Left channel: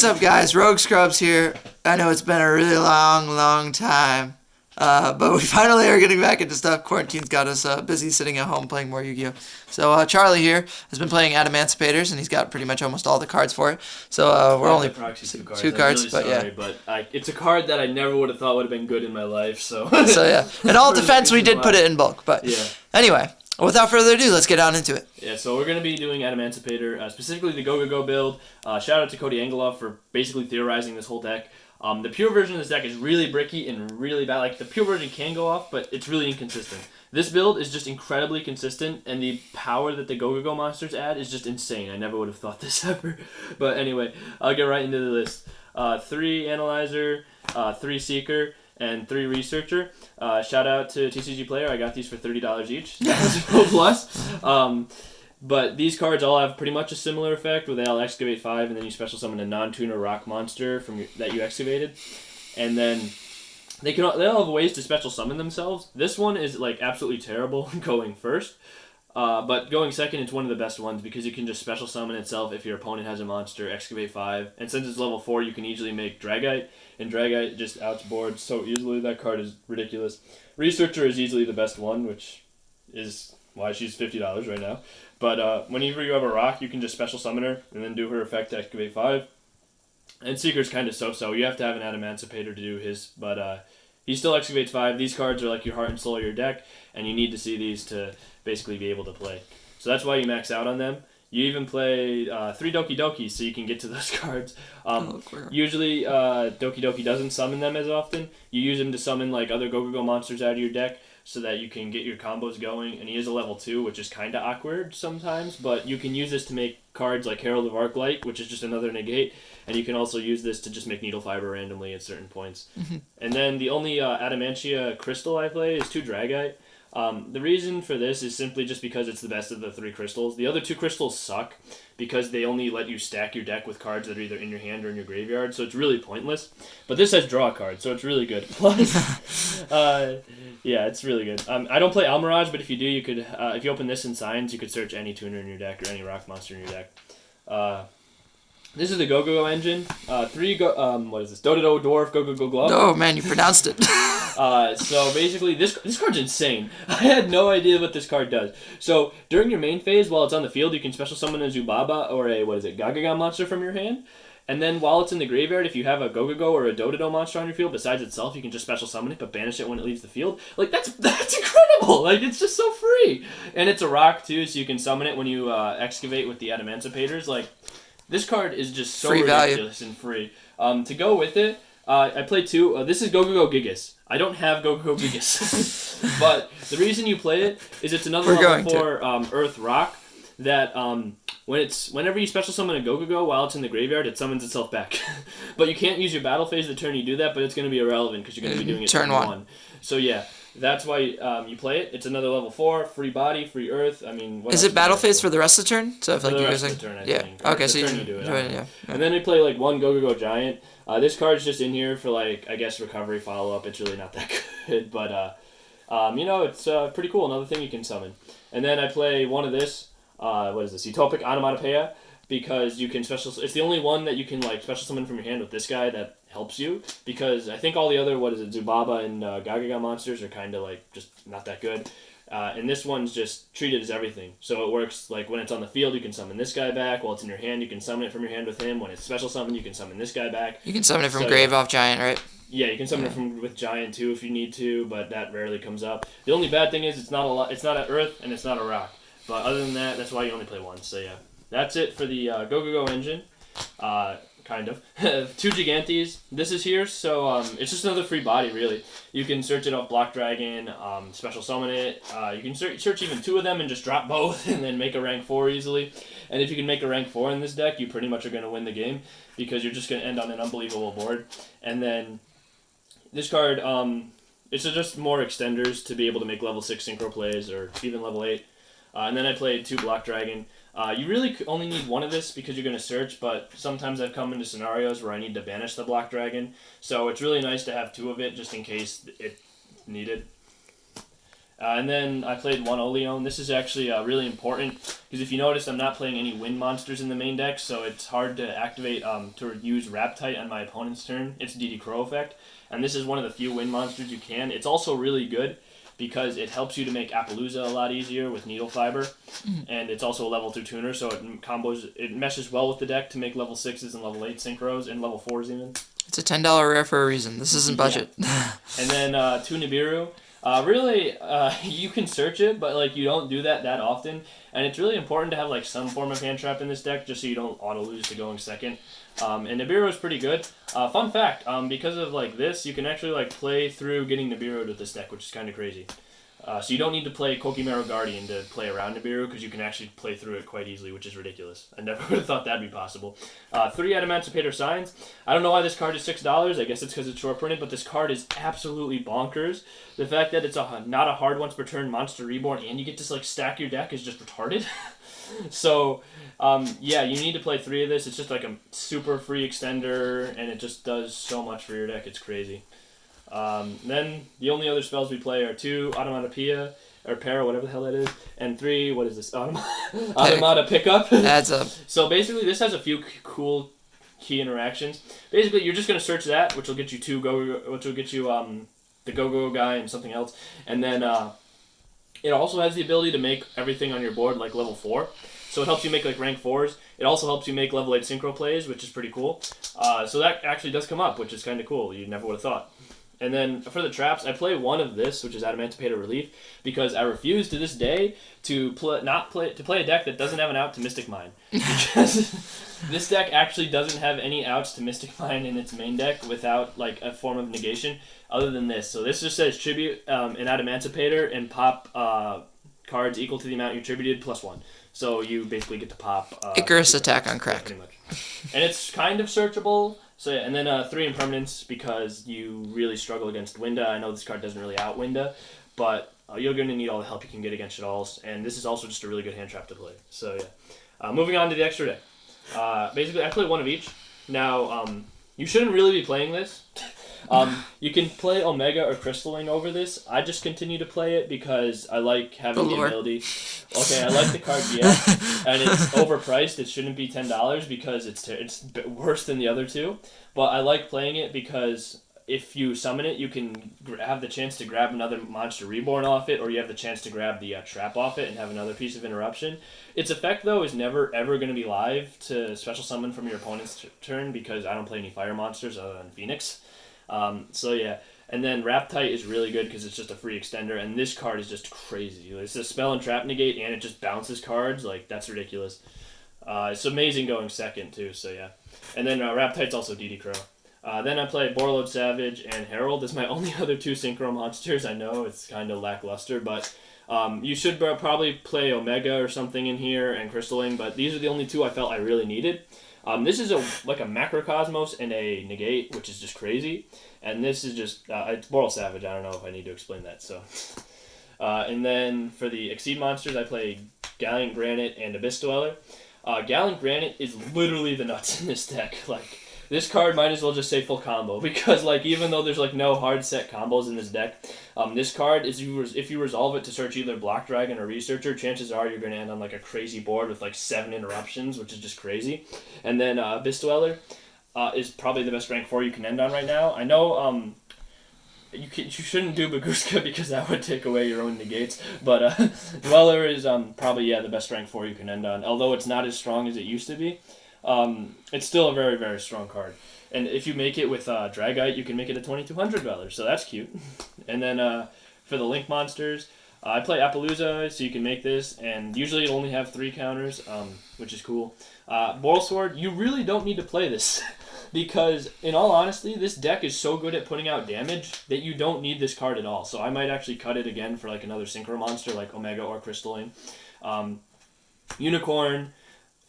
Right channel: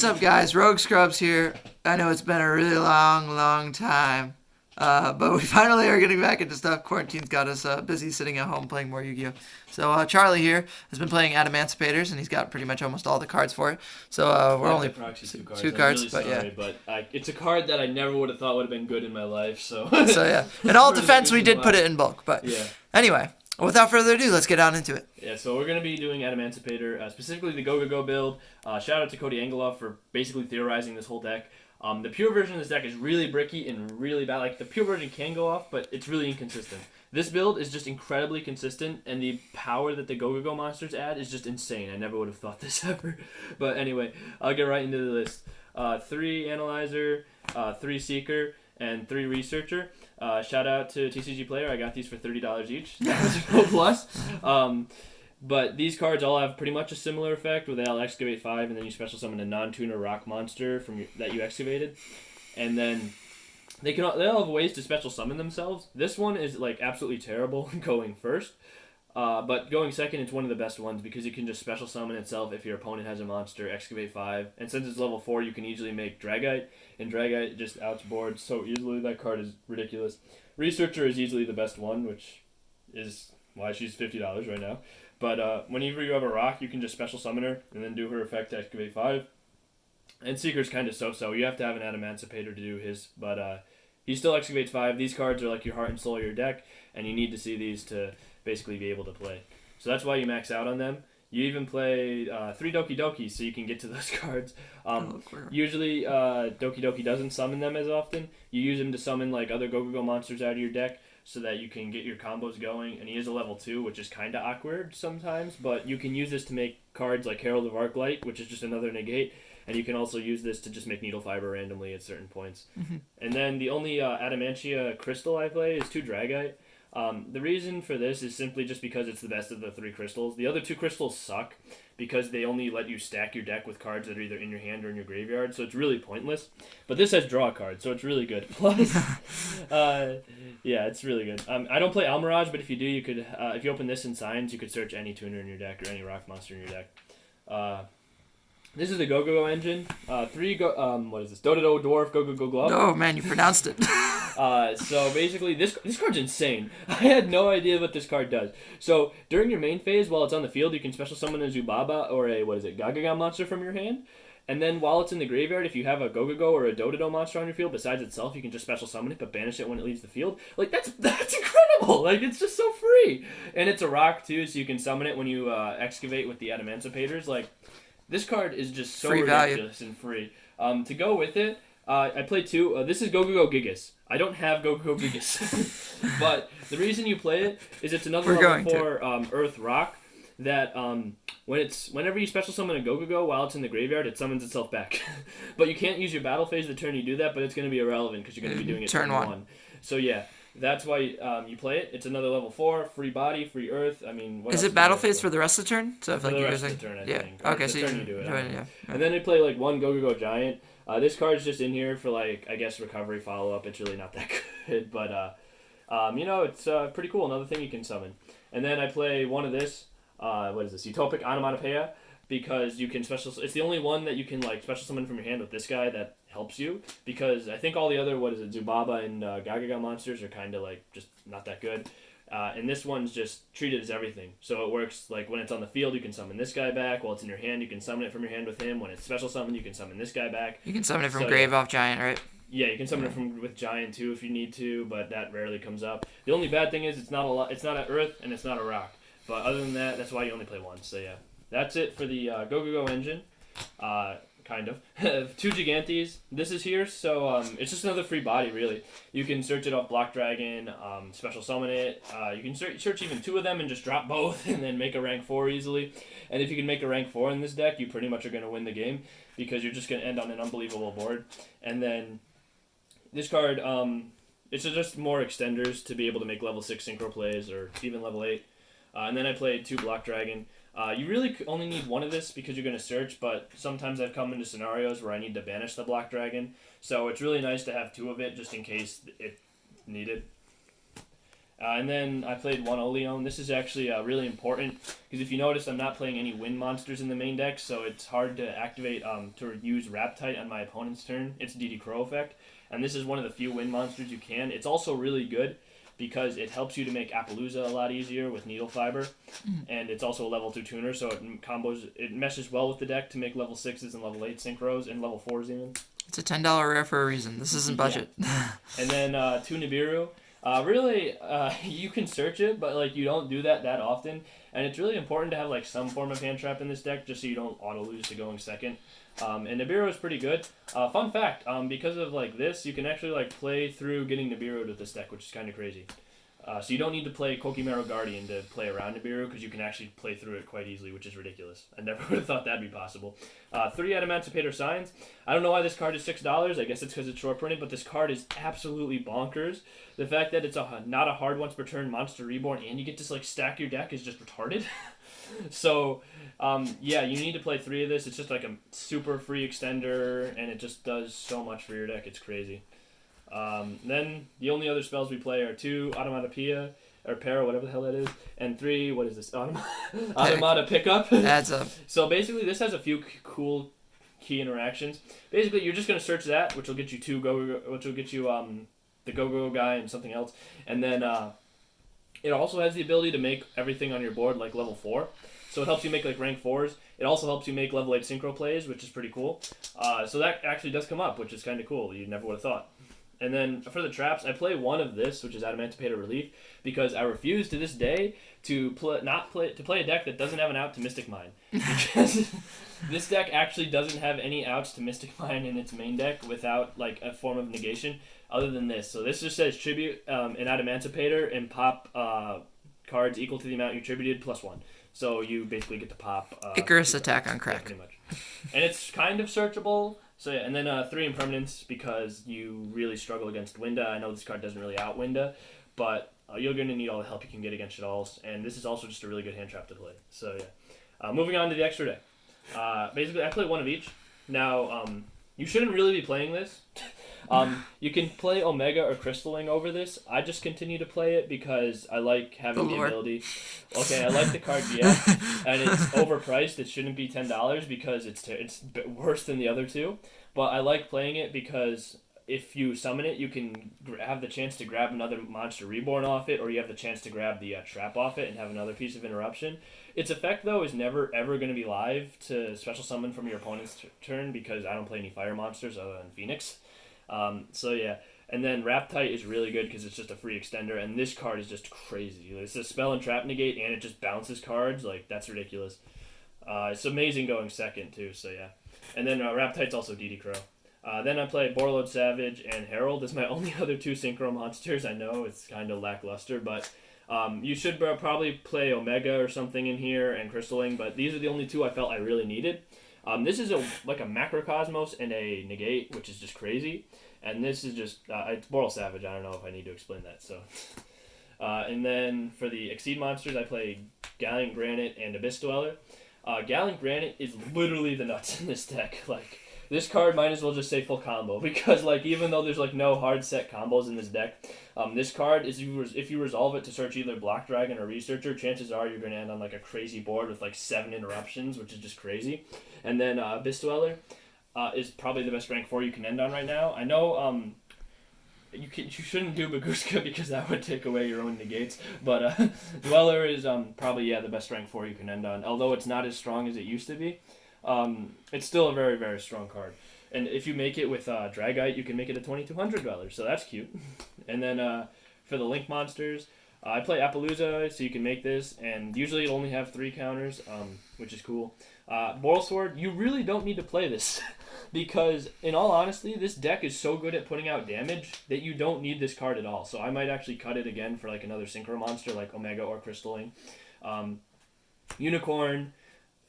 What's up, guys? Rogue Scrubs here. I know it's been a really long time, but we finally are getting back into stuff. Quarantine's got us busy sitting at home playing more Yu-Gi-Oh! So Charlie here has been playing Adamancipators, and he's got pretty much almost all the cards for it. So we're only two cards, but yeah. But it's a card that I never would have thought would have been good in my life. So yeah. In all defense, we did put it in bulk, but yeah. Anyway. Without further ado, let's get on into it. Yeah, so we're going to be doing Adamancipator, specifically the Gogogo build. Shout out to Cody Angeloff for basically theorizing this whole deck. The pure version of this deck is really bricky and really bad. Like, the pure version can go off, but it's really inconsistent. This build is just incredibly consistent, and the power that the Gogogo monsters add is just insane. I never would have thought this ever. But anyway, I'll get right into the list. 3 Analyzer, 3 Seeker, and 3 Researcher. Shout out to TCG Player. I got these for $30 each. Plus. But these cards all have pretty much a similar effect, where they'll excavate 5, and then you special summon a non-tuner rock monster that you excavated. And then they all have ways to special summon themselves. This one is like absolutely terrible going first. But going second, it's one of the best ones because you can just special summon itself if your opponent has a monster, excavate 5. And since it's level 4, you can easily make Dragite. And Dragite just outboards so easily. That card is ridiculous. Researcher is easily the best one, which is why she's $50 right now. But whenever you have a rock, you can just special summon her and then do her effect to excavate 5. And Seeker's kind of so-so. You have to have an Adamancipator to do his, but he still excavates 5. These cards are like your heart and soul of your deck, and you need to see these to basically be able to play. So that's why you max out on them. You even play 3 Doki Dokis so you can get to those cards. Usually Doki Doki doesn't summon them as often. You use them to summon like other Gogogo monsters out of your deck so that you can get your combos going. And he is a level 2, which is kind of awkward sometimes. But you can use this to make cards like Herald of Arclight, which is just another negate. And you can also use this to just make Needle Fiber randomly at certain points. Mm-hmm. And then the only Adamantia crystal I play is 2 Dragite. The reason for this is simply just because it's the best of the 3 crystals. The other 2 crystals suck because they only let you stack your deck with cards that are either in your hand or in your graveyard, so it's really pointless. But this has draw cards, so it's really good. Plus, yeah, it's really good. I don't play Almirage, but if you do, you could, if you open this in Signs, you could search any tuner in your deck or any rock monster in your deck. This is the Gogogo engine. 3 Dododo Dwarf Gogogo Glove. Oh man, you pronounced it. So basically, this card's insane. I had no idea what this card does. So during your main phase, while it's on the field, you can special summon a Zubaba or a Gagaga monster from your hand. And then while it's in the graveyard, if you have a Gogogo or a Dododo monster on your field besides itself, you can just special summon it, but banish it when it leaves the field. Like that's incredible. Like it's just so free. And it's a rock too, so you can summon it when you excavate with the Adamancipators. Like this card is just so free ridiculous value. And free. To go with it, I played 2. This is Gogogo Gigas. I don't have Gogogo Gigas. But the reason you play it is it's another level 4 Earth Rock that whenever you special summon a Gogogo while it's in the graveyard, it summons itself back. But you can't use your battle phase the turn you do that, but it's going to be irrelevant because you're going to be doing it turn 1. So yeah, that's why you play it. It's another level 4, free body, free earth. I mean, is it battle phase for the rest of the turn? So if for like the you rest guys of the turn, I think. Okay, so you do it. yeah. And then we play like 1 Gogogo Giant. This card's just in here for like I guess recovery follow up. It's really not that good, but it's pretty cool. Another thing you can summon. And then I play 1 of this. What is this? Utopic Onomatopoeia, because you can special. It's the only one that you can like special summon from your hand with this guy that helps you. Because I think all the other Zubaba and Gagaga monsters are kind of like just not that good. And this one's just treated as everything. So it works like when it's on the field, you can summon this guy back. While it's in your hand, you can summon it from your hand with him. When it's special summoned, you can summon this guy back. You can summon it from Grave off Giant, right? Yeah, you can summon it with Giant too if you need to, but that rarely comes up. The only bad thing is it's not an Earth and it's not a Rock. But other than that, that's why you only play 1. So yeah, that's it for the Gogogo engine. Kind of. 2 Gigantes. This is here, so it's just another free body, really. You can search it off Block Dragon, special summon it. You can search even 2 of them and just drop both and then make a rank 4 easily. And if you can make a rank 4 in this deck, you pretty much are going to win the game because you're just going to end on an unbelievable board. And then this card, it's just more extenders to be able to make level 6 synchro plays or even level 8. And then I played 2 Block Dragon. You really only need 1 of this because you're going to search, but sometimes I've come into scenarios where I need to banish the Block Dragon. So it's really nice to have 2 of it just in case it's needed. And then I played one Oleon. This is actually really important because if you notice, I'm not playing any wind monsters in the main deck, so it's hard to activate to use Raptite on my opponent's turn. It's DD Crow effect, and this is one of the few wind monsters you can. It's also really good because it helps you to make Appaloosa a lot easier with Needle Fiber, and it's also a level 2 tuner, so it meshes well with the deck to make level 6s and level 8 synchros, and level 4s even. It's a $10 rare for a reason. This isn't budget. Yeah. And then 2 Nibiru. Really, you can search it, but like you don't do that often, and it's really important to have like some form of hand trap in this deck just so you don't auto lose to going second. And Nibiru is pretty good. Fun fact, because of like this, you can actually like play through getting Nibiru with this deck, which is kind of crazy. So you don't need to play Kokimero Guardian to play around Nibiru because you can actually play through it quite easily, which is ridiculous. I never would have thought that'd be possible. 3 Adamancipator Signs. I don't know why this card is $6. I guess it's because it's short printed, but this card is absolutely bonkers. The fact that it's not a hard once per turn monster reborn and you get to like stack your deck is just retarded. So yeah, you need to play 3 of this. It's just like a super free extender and it just does so much for your deck. It's crazy. Then the only other spells we play are 2 Automatopoeia or Para, whatever the hell that is, and 3 what is this? Automata Pickup. Adds up. So basically, this has a few cool key interactions. Basically, you're just gonna search that, which will get you the Gogogo guy and something else, and then it also has the ability to make everything on your board like level 4. So it helps you make like rank 4s. It also helps you make level 8 synchro plays, which is pretty cool. So that actually does come up, which is kind of cool. You never would have thought. And then for the traps, I play one of this, which is Adamancipator Relief, because I refuse to this day to play a deck that doesn't have an out to Mystic Mine. Because this deck actually doesn't have any outs to Mystic Mine in its main deck without like a form of negation other than this. So this just says tribute an Adamancipator and pop cards equal to the amount you tributed plus 1. So you basically get to pop Icarus attack on crack. pretty much. And it's kind of searchable. So yeah, and then 3 Impermanence because you really struggle against Winda. I know this card doesn't really out Winda, but you're going to need all the help you can get against it all. And this is also just a really good hand trap to play. So yeah. Moving on to the extra deck. Basically, I play one of each. Now, you shouldn't really be playing this. You can play Omega or Crystalling over this. I just continue to play it because I like having the ability. Okay, I like the card, yeah, and it's overpriced. It shouldn't be $10 because it's worse than the other two. But I like playing it because if you summon it, you can have the chance to grab another monster reborn off it, or you have the chance to grab the trap off it and have another piece of interruption. Its effect, though, is never ever going to be live to special summon from your opponent's turn because I don't play any fire monsters other than Phoenix. So yeah, and then Raptite is really good because it's just a free extender, and this card is just crazy. It's a spell and trap negate, and it just bounces cards. Like, that's ridiculous. It's amazing going second, too, so yeah. And then Raptite's also DD Crow. Then I play Borreload Savage and Herald as my only other 2 synchro monsters. I know it's kind of lackluster, but you should probably play Omega or something in here and Crystalling, but these are the only 2 I felt I really needed. This is like a Macrocosmos and a Negate, which is just crazy. And this is just, it's Boral Savage. I don't know if I need to explain that. So, and then for the Exceed monsters, I play Gallant Granite and Abyss Dweller. Gallant Granite is literally the nuts in this deck. Like, this card might as well just say full combo because, like, even though there's like no hard set combos in this deck, this card is if you resolve it to search either Block Dragon or Researcher, chances are you're going to end on like a crazy board with like 7 interruptions, which is just crazy. And then Abyss Dweller is probably the best rank 4 you can end on right now. I know you shouldn't do Baguska because that would take away your own negates, but Dweller is probably the best rank 4 you can end on. Although it's not as strong as it used to be. It's still a very, very strong card. And if you make it with Dragite, you can make it a $2,200, so that's cute. And then for the Link monsters, I play Appaloosa, so you can make this, and usually it'll only have 3 counters, which is cool. Boral Sword, you really don't need to play this, because in all honesty, this deck is so good at putting out damage that you don't need this card at all. So I might actually cut it again for like another Synchro monster, like Omega or Crystalline. Unicorn,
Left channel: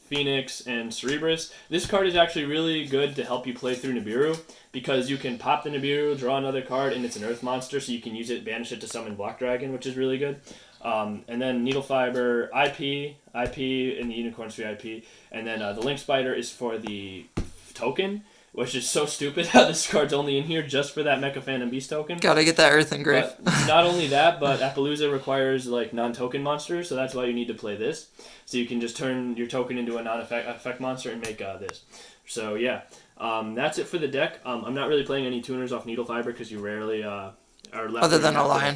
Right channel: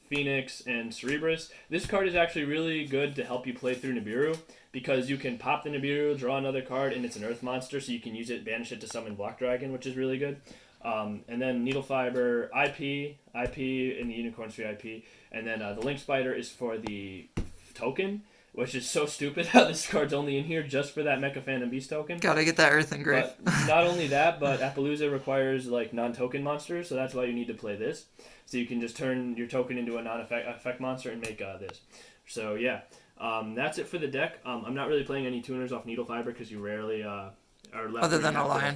Phoenix, and Cerebrus. This card is actually really good to help you play through Nibiru because you can pop the Nibiru, draw another card, and it's an Earth monster, so you can use it, banish it to summon Block Dragon, which is really good. And then Needle Fiber, IP, and the Unicorn's free IP. And then the Link Spider is for the token, which is so stupid how this card's only in here just for that Mecha Phantom Beast token. Gotta get that Earth Engrave. But not only that, but Appaloosa requires like non-token monsters, so that's why you need to play this. So you can just turn your token into a non-effect monster and make this. So yeah, that's it for the deck. I'm not really playing any tuners off Needle Fiber because you rarely are left. Other than a lion.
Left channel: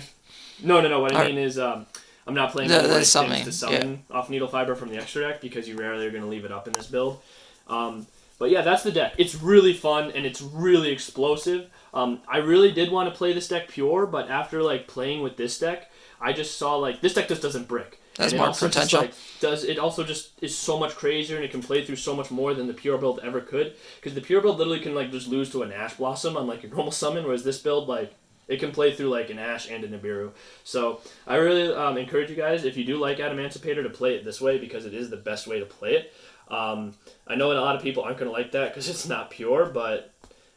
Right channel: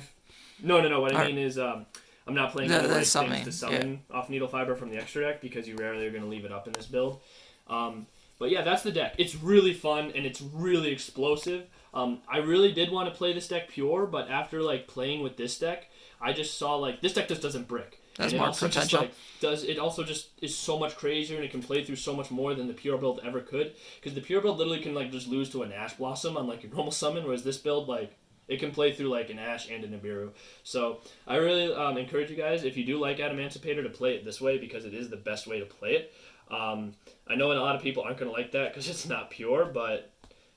No. What I mean is I'm not playing The any things summoning, to summon off Needle Fiber from the extra deck because you rarely are going to leave it up in this build. But yeah, that's the deck. It's really fun and it's really explosive. I really did want to play this deck pure, but after like playing with this deck, I just saw like this deck just doesn't brick. That's and more also potential. It also just is so much crazier and it can play through so much more than the pure build ever could. Because the pure build literally can like just lose to an Ash Blossom on like your normal summon, whereas this build like it can play through like an Ash and a Nibiru. So I really encourage you guys, if you do like Adamancipator, to play it this way because it is the best way to play it. I know a lot of people aren't going to like that because it's not pure, but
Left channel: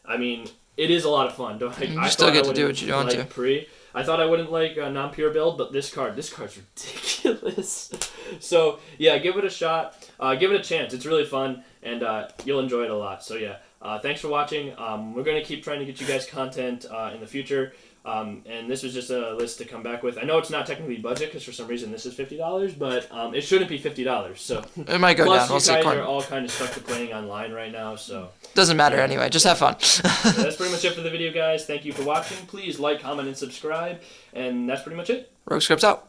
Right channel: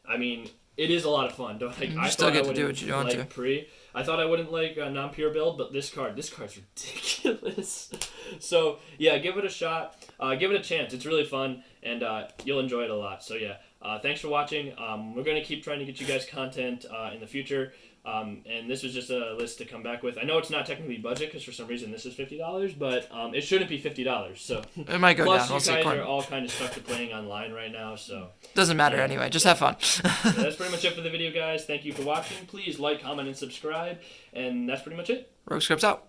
I mean, it is a lot of fun. You still get to do what you want to. I thought I wouldn't like a non-pure build, but this card's ridiculous. So yeah, give it a shot. Give it a chance. It's really fun, and you'll enjoy it a lot. So yeah, thanks for watching. We're going to keep trying to get you guys content in the future. And this was just a list to come back with. I know it's not technically budget because for some reason this is $50, but it shouldn't be $50. So it might go down. We'll see. You guys are all kind of stuck to playing online right now, so doesn't matter anyway. Just have fun. So that's pretty much it for the video, guys. Thank you for watching. Please like, comment, and subscribe. And that's pretty much it. Rogue Scripts out.